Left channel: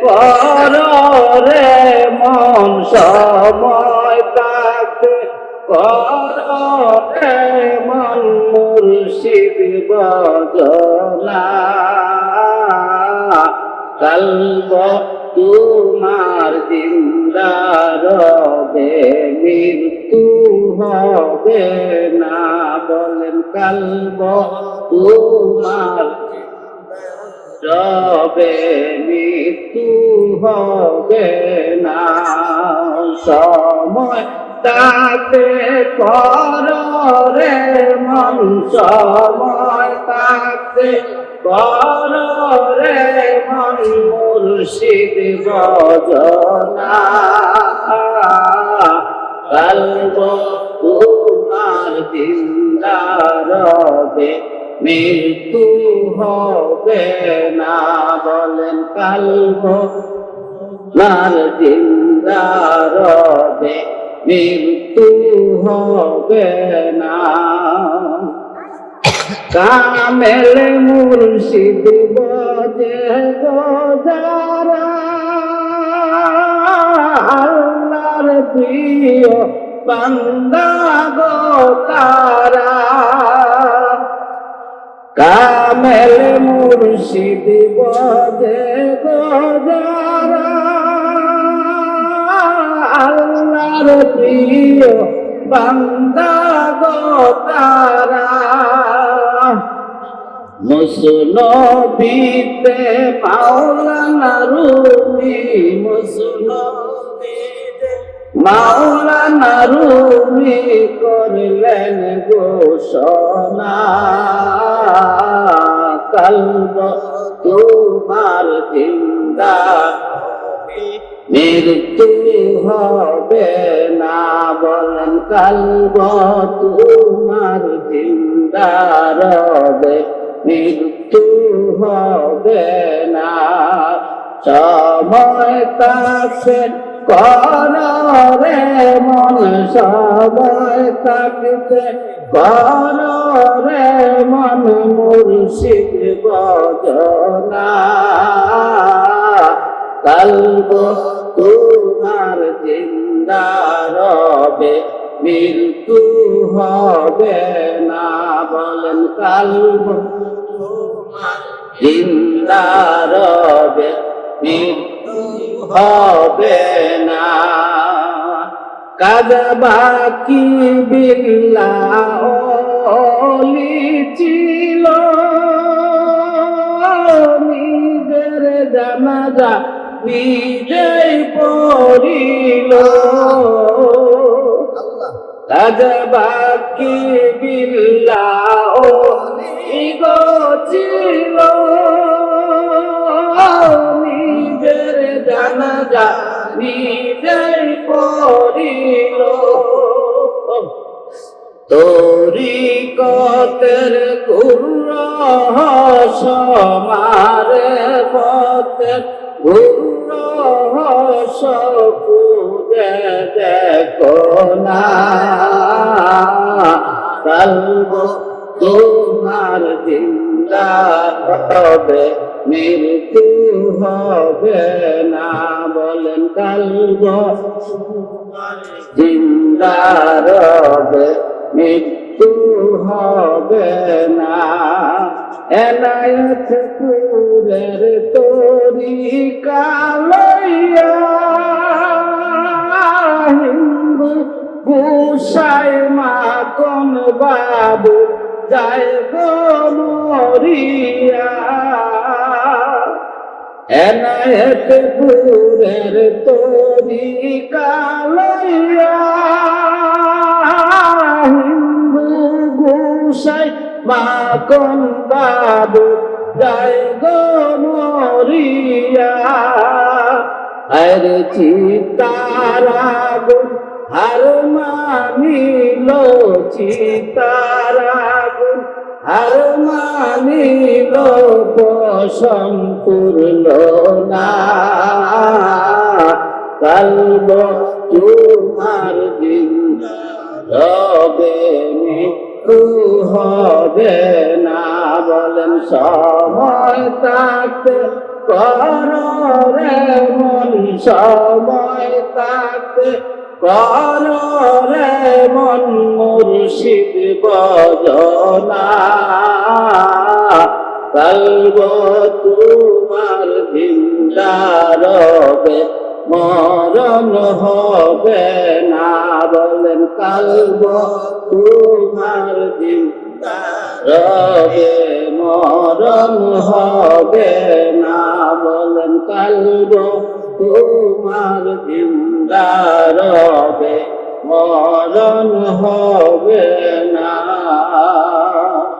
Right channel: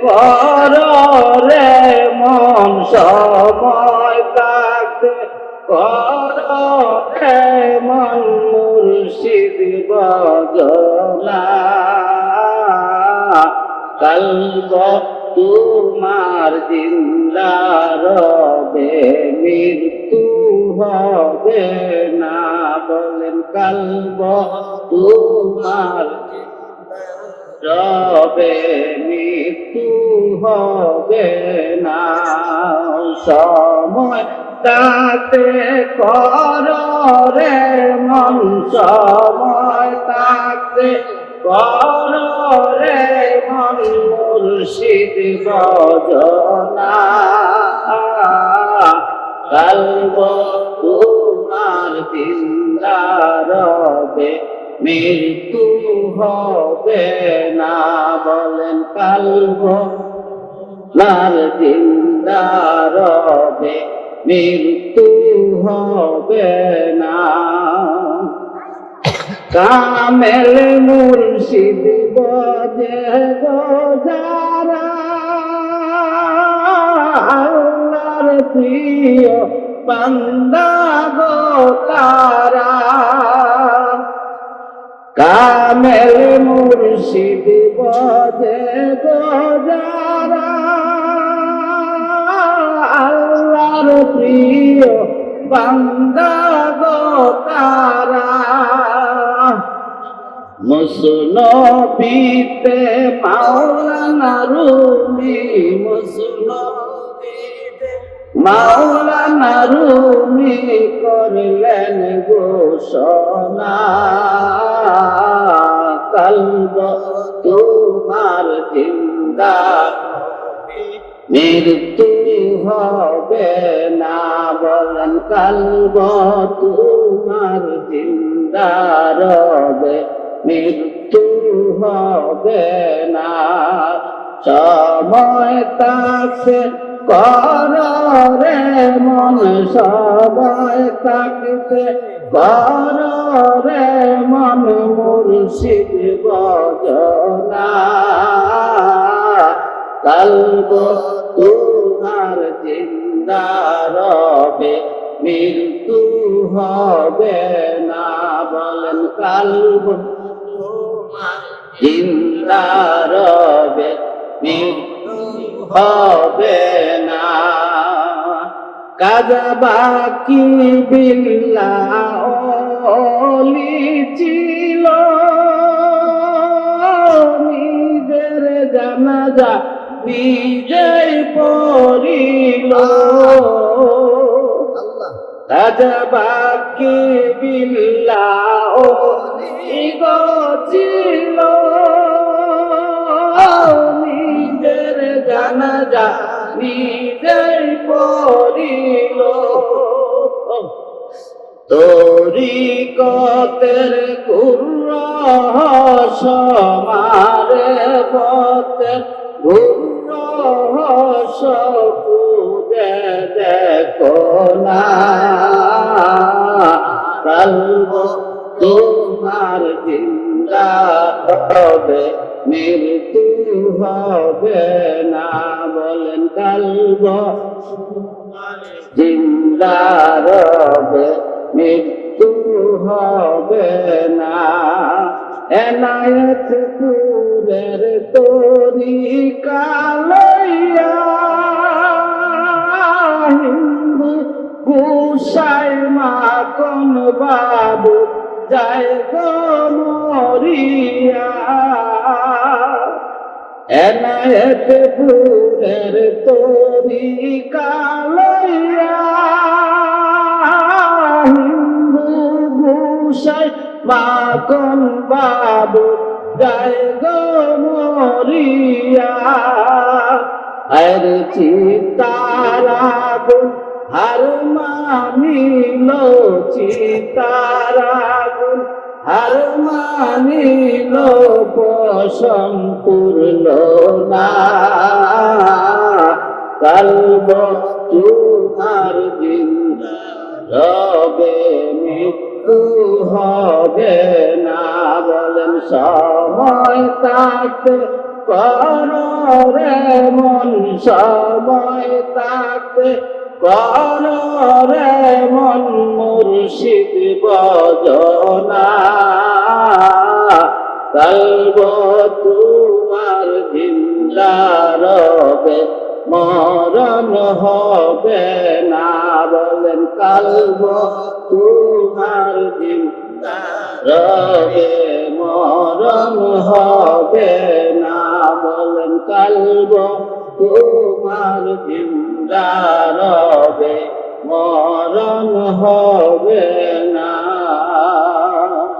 কর রে মন সময় থাকতে কর রে মন মুর্শিদ বজনা কলব তোমার জিন্দার হবে মৃত্যু হবে না বলেন কলব তোমার রবে মৃত্যু হবে না। সময় তাতে কর রে মন, সময় তাতে কর রে মন, মুর্শিদ বজনা কলব তোমার জিন্দার রবে মৃত্যু হবে না বলেন কালব। মার জিন্দার মৃত্যু হবে না। কামেল মুর্শিদ বজে গোজারা, আল্লাহর প্রিয় বান্দা গো কামেল মুর্শিদ গোজারা আল্লাহর প্রিয় বান্দা তারা মুসলবিতে মাওলানা রুমি মুসলবিতে মাওলানা রুমি করলেন ঘোষণা। কলব তোমার জিন্দা। মৃত্যু হবে না বলেন কালব তোমার জিন্দা রবে। মৃত্যু হবে না। সময় তাকে কর রে মন সময় তাকতে কর মন মুর্শিদ বজনা কলব তোমার জিন্দা রবে, মৃত্যু হবে না। বলেন কলব জিন্দা রবে, মৃত্যু হবে না কাজা বাকি বিল্লা নিজের জানাজা নিজেই পড়িল। আল্লাহ। বাকি বিল্লা ও নিজেই পড়িল তোরি কতের কুর্র সমারে পথে গুর্র সপুজে দেখো না। কলব তোমার জিন্দা হবে মৃত্যু হবে না বলেন কলব। জিন্দা রবে মৃত্যু হবে না। এনায়ত পুরের তোরি কালইয়া হিন্দু মা কোন বাবু যায় মরিয়া। এনায়ত পুরের তোরি কালইয়া হিন্দু গুসাই মা বাবু যায় মরিয়া। আর চিতারাগুন হার মানিল চিতারাগুন হার মানিল সম্পূর্ণ না। কলব তোমার দিন রবে মৃত্যু হবে না। বলেন, সময় থাকতে কর সময় তাকে কররে মন। মুর্শিদ বজনা তোমার জিন্দারবে মরণ হবে না বলেন কালব, তোমার জিন্দারবে মরণ হবে না বলেন কালব, তোমার জিন্দারবে মরণ হবে